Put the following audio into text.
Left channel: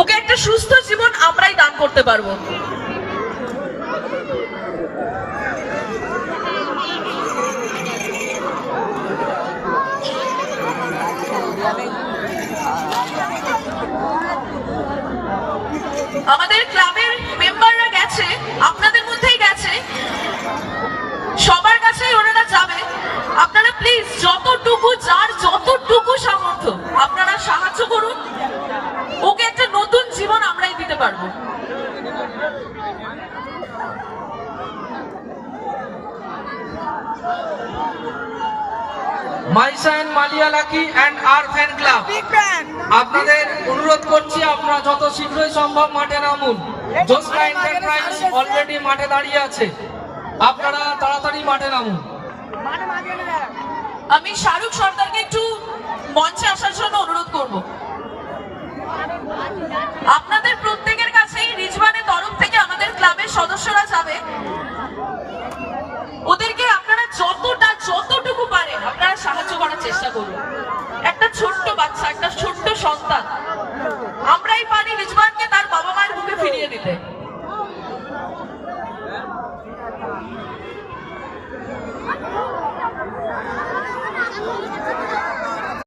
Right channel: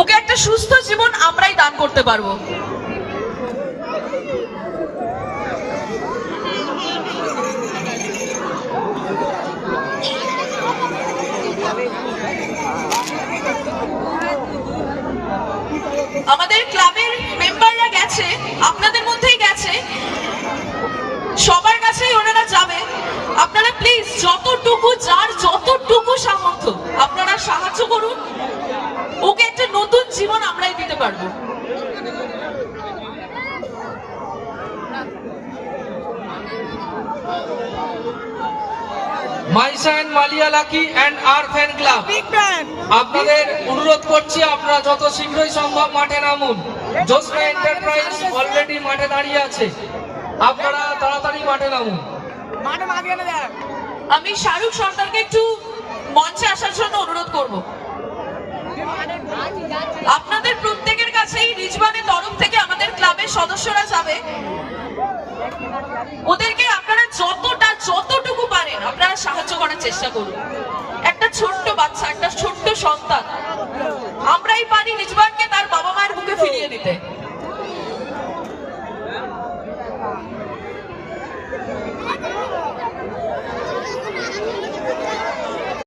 ওকে একটা সুস্থ জীবন আমরাই দান করতে পারবো। আমাদের ক্লাবের মেম্বাররা গেছে, আপনাদের মধ্যেই গেছে, সবার কাছেই ওনারা যাবে। আপনারা প্লিজ যতটুকু যার যতটুকু সামর্থ্য আপনারা সাহায্য করুন, ওকে একটা নতুন জীবন আমরাই দিতে পারবো। মাইসান মালিয়ালাকি অ্যান্ড আর ফ্যান ক্লাব আপনাদের অনুরোধ করছি, আপনারা যত শীঘ্রই সম্ভব মাঠে নামুন। জোসরা এন্টারপ্রাইজ অলরেডি মাঠে দাঁড়িয়ে আছে, আপনারা তাড়াতাড়ি মাঠে নামুন। আমি শাহরুখ সর্দারকে একটু মঞ্চে আসার জন্য অনুরোধ করব। আপনাদের প্রত্যেকের কাছেই রিজওয়ানের তরফ থেকে আমাদের ক্লাবের সদস্যরা যাবে, ওদেরকে আপনারা যতটুকু পারেন আপনারা সাহায্য করার চেষ্টা করুন। একটা ছোট্ট বাচ্চা, একটা ছোট্ট সন্তান, আমরাই পারি রিজওয়ানকে তার বাবা মায়ের বুকে ফিরিয়ে দিতে।